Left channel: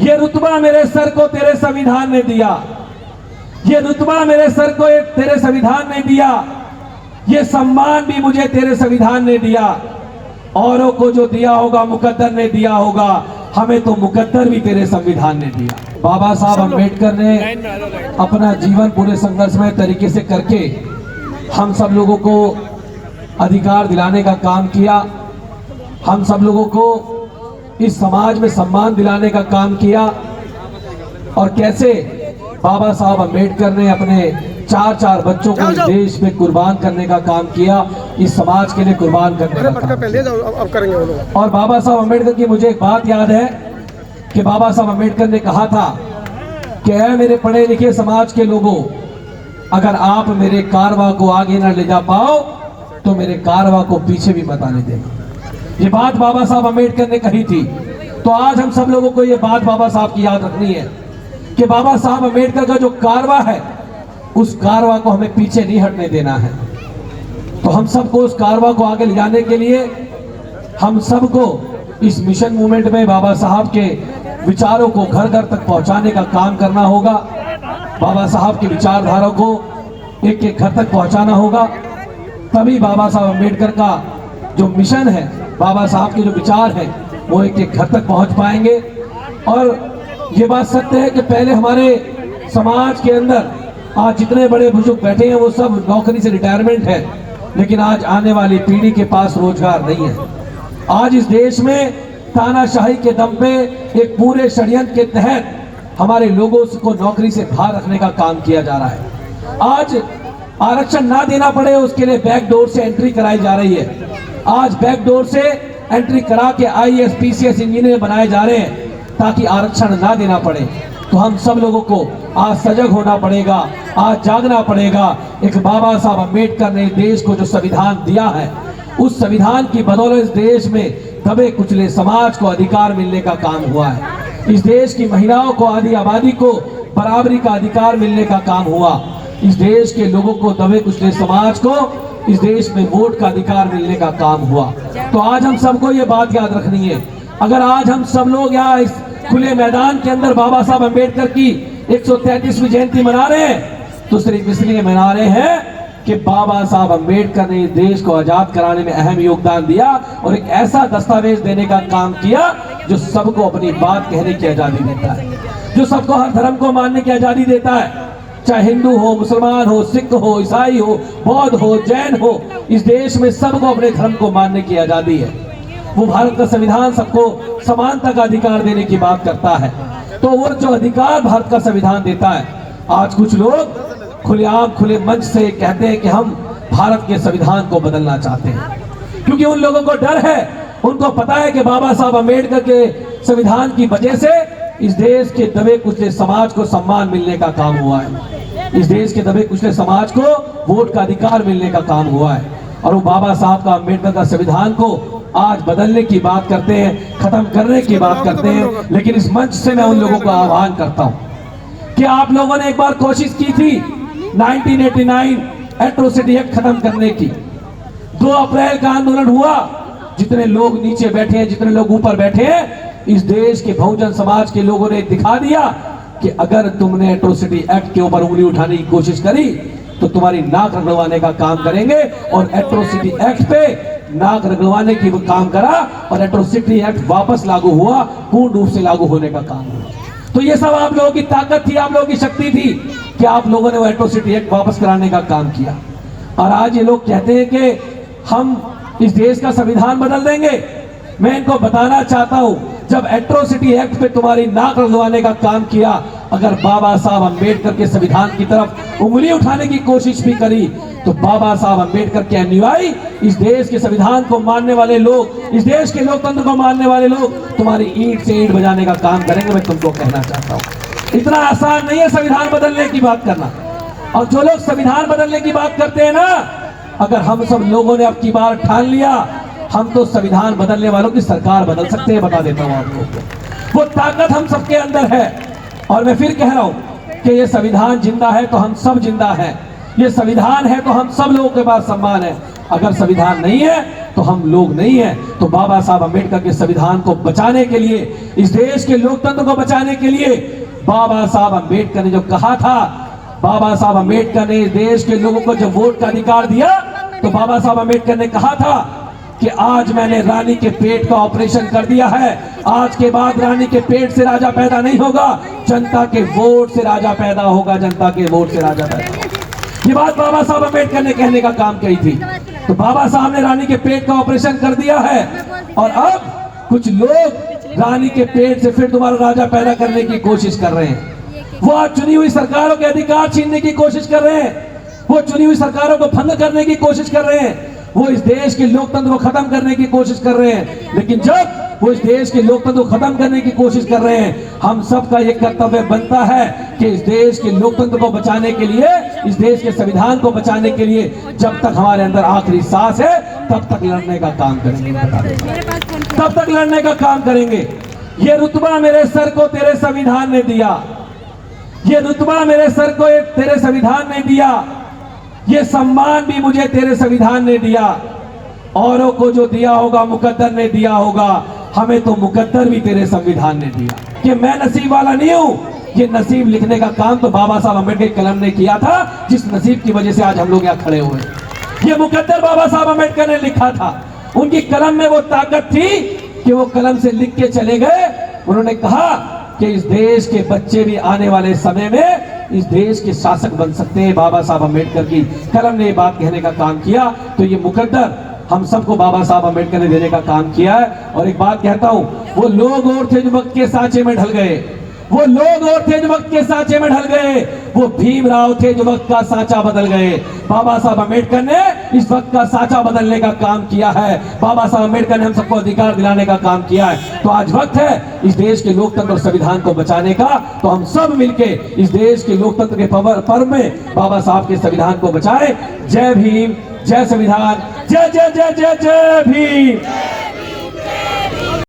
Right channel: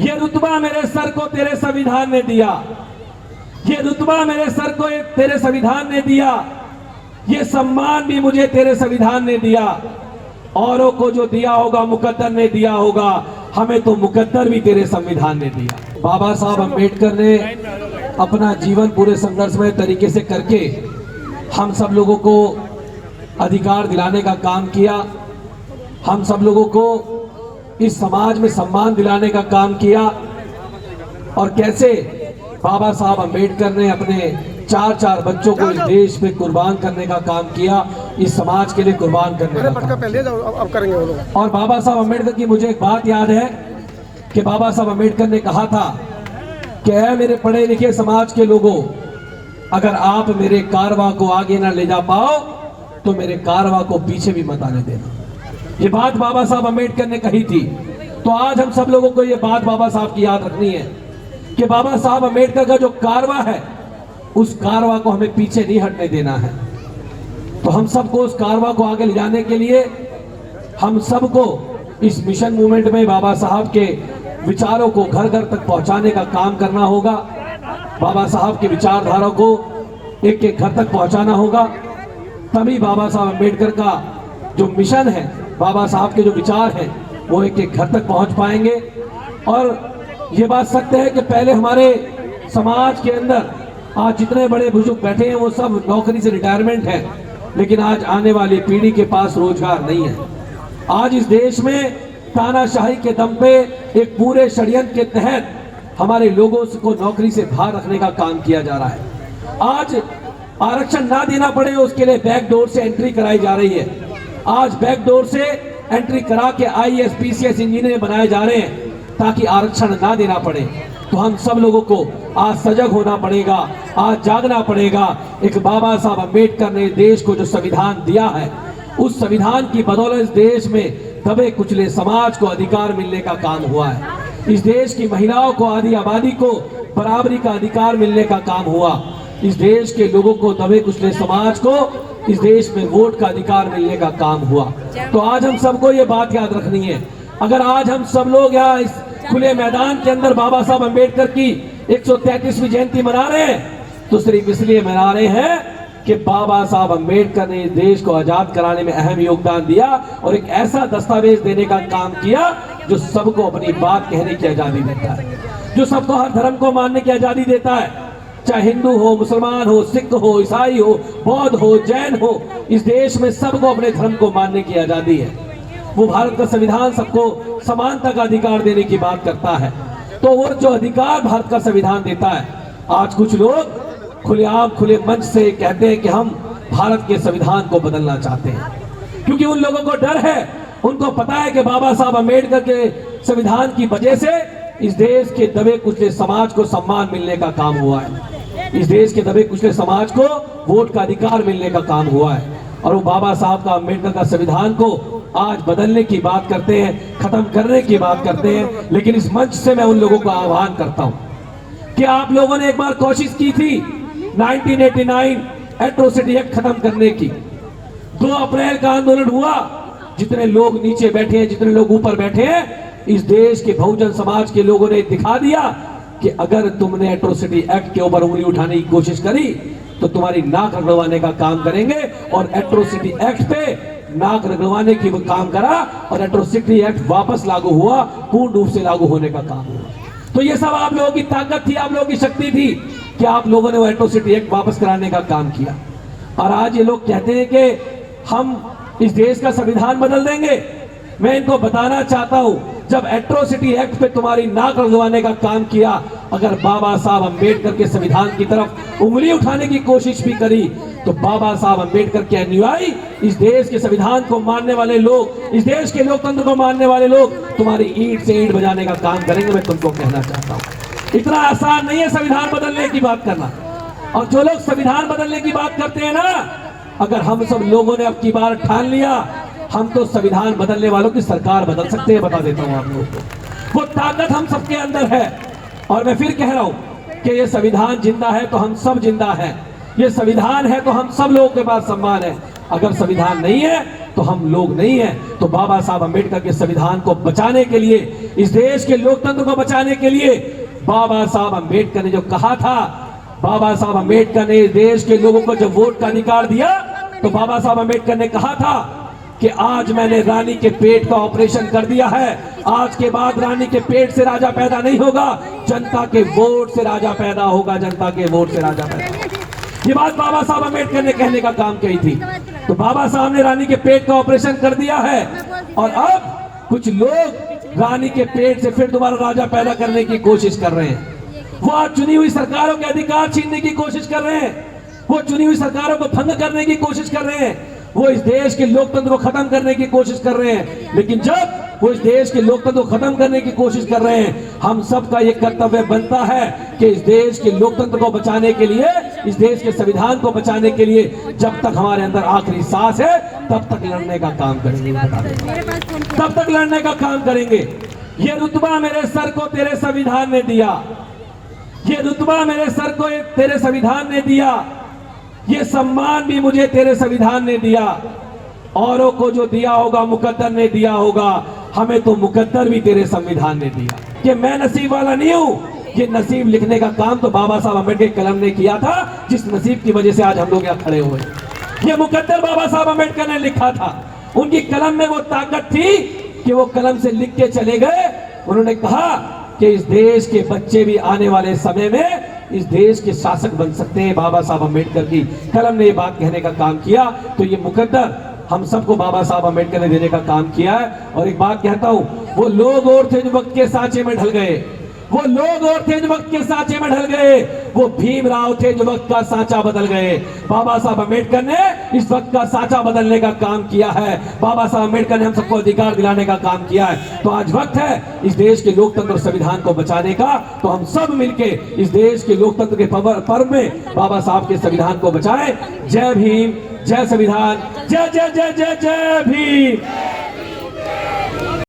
ये रुतबा मेरे सर को तेरे संविधान ने दिया, ये रुतबा मेरे सर को तेरे संविधान ने दिया, ये सम्मान भी मुझे तेरे संविधान ने दिया। औरों को जो दिया होगा मुकद्दर ने दिया होगा, हमें तो मुकद्दर भी तेरे संविधान ने दिया। बाबा साहब अम्बेडकर ने अपना जीवन पूरे संघर्षमय तरीके से करके हम सब लोगों को अधिकार दिलाने का काम किया, हम सब लोगों को इस समाज में सम्मान दिलाने का काम किया। और कैसे बाबा साहब अम्बेडकर ने अपने चार बच्चों को इस देश में कुर्बान करने का काम किया, इस समाज के लिए कुर्बान करने का काम पहले अब करेंगे वो लोग। और बाबा साहब अम्बेडकर की मुझे एक बात याद है कि बाबा साहब अम्बेडकर ने कहा था कि ऐ मेरे पढ़े लिखे समाज के लोगों, अगर आप मेरे कारवां को आगे ना ले जा पाओ तो मेरे कारवां को पीछे भी मत आने देना। ये बात बाबा साहब अम्बेडकर ने कही थी। तो आज हम सब लोगों को ये बात बाबा साहब की याद रखनी है कि बाबा साहब अम्बेडकर का जो कारवां है, उस कारवां को हमें पीछे नहीं हटने देना है। तो हम सबको उस कारवां को आगे ले जाने के लिए हम सबको इस मिशन मूवमेंट में बाबा साहब के विचारों को घर घर तक पहुंचाने का काम करना होगा। बाबा साहब की विचारधारा को एक एक घर तक पहुंचाना होगा, तभी बाबा साहब अम्बेडकर का जो मिशन है, बाबा साहब के जो विचार हैं, वो एक एक घर तक पहुंच पाएंगे। और ये बात सत्य है कि पहले हमारे समाज के अंदर आज जितने बड़े बुजुर्ग बैठे हैं वो सब नौकरी से रिटायरमेंट है, लेकिन आज आने वाली पीढ़ी के पास रोजगार नहीं है। आज इस देश में तानाशाही के दम पे एक पूरे षड्यंत्र के तहत हमारे लोगों को नौकरी से बाहर रखने का काम किया जा रहा है। आज आरक्षण ना देना पड़े उसके लिए बैकडोर से एंट्री कराई जा रही है। आज बैकडोर से एंट्री करा के IAS PCS इंजीनियर बनाए जा रहे हैं ताकि आरक्षण ना देना पड़े। तो हम सब लोगों को आज सजग होना पड़ेगा, आज जागना पड़ेगा। एक बाबा साहब अम्बेडकर ने देश को जो संविधान दिया है, उस संविधान की बदौलत इस देश में दबे कुचले समाज को अधिकार मिलने का काम हुआ है। इस देश की महिलाओं को, आधी आबादी को बराबरी का अधिकार मिलने का काम हुआ। इस देश के लोगों को, दबे कुचले समाज को इस देश में वोट का अधिकार मिलने का काम हुआ। तो आज हम सबको ये बात याद रखनी है। अगर आज हम सब लोग यहाँ इस खुले मैदान के अंदर बाबा साहब अम्बेडकर की 133वीं जयंती मना रहे हैं, तो सिर्फ इसलिए मना रहे हैं कि बाबा साहब अम्बेडकर ने देश को आजाद कराने में अहम योगदान दिया और एक ऐसा दस्तावेज देने का काम किया जो सबको अपनी बात कहने की आजादी देता है, जो सबको हर धर्म को मानने की आजादी देता है, चाहे हिंदू हो, मुसलमान हो, सिख हो, ईसाई हो, बौद्ध हो, जैन हो। इस देश में सबको अपने धर्म को मानने की आजादी है। वो भारत का संविधान सबको समानता का अधिकार देने की बात करता है। तो वो जो अधिकार भारत का संविधान देता है, आज कुछ लोग खुलेआम खुले मंच से कहते हैं कि हम भारत के संविधान को बदलना चाहते हैं, क्योंकि उन लोगों को डर है। उनको पता है कि बाबा साहब अम्बेडकर के संविधान की वजह से इस देश के दबे कुचले समाज को सम्मान मिलने का काम हुआ है। इस देश के दबे कुचले समाज को वोट का अधिकार मिलने का काम हुआ है। और वो बाबा साहब का, अम्बेडकर का संविधान को आज बदलने की बात करते हैं, खत्म करने की बात करते हैं। लेकिन इस मंच से मैं उन लोगों को आह्वान करता हूं कि आप लोगों ने एक बार कोशिश की थी 1989 एट्रोसिटी एक्ट खत्म करने की। 2 अप्रैल का आंदोलन हुआ। जितने लोग नीचे बैठे हैं, जितने लोग ऊपर बैठे हैं, इस देश के बहुजन समाज के लोगों ने दिखा दिया कि अगर तुमने एट्रोसिटी एक्ट के ऊपर उंगली उठाने की कोशिश करी तो तुम्हारी नाक रगड़वाने का काम करेंगे। और एट्रोसिटी एक्ट पे नाक रगड़वाने की काम करा और एट्रोसिटी एक्ट वापस लागू हुआ, पूर्ण रूप से लागू होने का काम हुआ। तो ये सब आप लोगों की ताकत थी, आप लोगों की शक्ति थी कि आप लोगों ने वो एट्रोसिटी एक्ट वापस कराने का काम किया। और आज ये लोग कहते हैं कि हम इस देश का संविधान बदल देंगे। मैं इनको बताना चाहता हूं, जब एट्रोसिटी एक्ट पे तुम्हारी नाक रगड़वाने का काम किया, अगर बाबा साहब अम्बेडकर के संविधान की तरफ उंगली उठाने की कोशिश भी करी, तो बाबा साहब अम्बेडकर के अनुयायी, इस देश के संविधान को मानने वाले लोग, इस देश के लोकतंत्र को मानने वाले लोग तुम्हारी ईंट से ईंट बजाने का काम करेंगे। मैं तुमको कहना चाहता हूँ, इतना आसान नहीं है संविधान बदलने की बात करना। और जो लोग संविधान बदलने की बात करते हैं ना, अगर हम सब लोगों ने अब की बार ठान लिया, हम तो संविधान बदलने वालों की सरकार बदल सकते हैं। बता देता हूं आपको, वो ताकत हम सबके अंदर है। और मैं फिर कह रहा हूं कि ये संविधान जिंदा है तो हम सब जिंदा हैं। ये संविधान है तो हम सब लोगों के पास सम्मान है। अगर संविधान नहीं है तो हम लोग नहीं हैं। तो बाबा साहब अम्बेडकर के संविधान को बचाने के लिए, इस देश के लोकतंत्र को बचाने के लिए बाबा साहब अम्बेडकर ने जो कहा था, बाबा साहब अम्बेडकर ने देश के लोगों को जब वोट का अधिकार दिया तो बाबा साहब अम्बेडकर ने कहा था कि आज मैंने रानी के पेट का ऑपरेशन कर दिया है, आज के बाद रानी के पेट से राजा पैदा नहीं होगा, जनता के वोट से राजा पैदा होगा, जनता के वोट से राजा पैदा। ये बात बाबा साहब अम्बेडकर ने कहने का काम कही थी। तो बाबा साहब ने रानी के पेट का ऑपरेशन कर दिया है और अब कुछ लोग रानी के पेट से फिर दोबारा राजा पैदा करने की कोशिश कर रहे हैं। वो आज चुनी हुई सरकारों के अधिकार छीनने की कोशिश कर रहे हैं, वो चुनी हुई सरकारों को भंग करने की कोशिश कर रहे हैं, वो इस देश के लोकतंत्र को खत्म करने की कोशिश कर रहे हैं। लेकिन जब वो इस देश के लोकतंत्र को खत्म करने की कोशिश कर रहे हैं, हम सबका ये कर्तव्य बनता है कि इस देश के लोकतंत्र को बचाने के लिए, इस देश के संविधान को बचाने के लिए जब तक हमारे अंदर आखिरी सांस है तब तक लड़ने का काम करेंगे, तब तक लड़ने का काम करेंगे। ये रुतबा मेरे सर को तेरे संविधान ने दिया, ये रुतबा मेरे सर को तेरे संविधान ने दिया, ये सम्मान भी मुझे तेरे संविधान ने दिया। औरों को जो दिया होगा मुकद्दर ने दिया होगा, हमें तो मुकद्दर भी तेरे संविधान ने दिया। कि मैं नसीब वाला नहीं हूं, ये नसीब लिखने का काम तो बाबा साहब अम्बेडकर कलम ने किया था, जिस नसीब की वजह से आज हम लोग यहाँ खड़े हुए। ये मुकद्दर बाबा साहब अम्बेडकर ने लिखा था, उनकी कलम में वो ताकत थी कि वो कलम से लिख के चले गए। उन्होंने कहा कि इस देश के बच्चे भी आने वाले समय में इस देश के शासक बन सकते हैं। बाबा साहब अम्बेडकर की कलम ने ये बात कहने का काम किया। तो ये मुकद्दर हम सबको बाबा साहब अम्बेडकर ने देने का काम किया है। और एक बात कहता हूं, वो लोग और थे जो वक्त के सांचे में ढल गए, वो लोग और थे जो वक्त के सांचे में ढल गए, वो भीमराव थे जो वक्त का सांचा बदल गए। बाबा साहब अम्बेडकर ने इस वक्त का सांचा बदलने का काम किया है। बाबा साहब अम्बेडकर ने हम सबको अधिकार दिलाने का काम किया है। तो आज वक्त है इस देश के लोकतंत्र और संविधान को बचाने का। तो हम सब मिलके इस देश के लोकतंत्र के पर्व में बाबा साहब के संविधान को बचाएं। जय भीम, जय संविधान, जय जय जय जय जय भीम।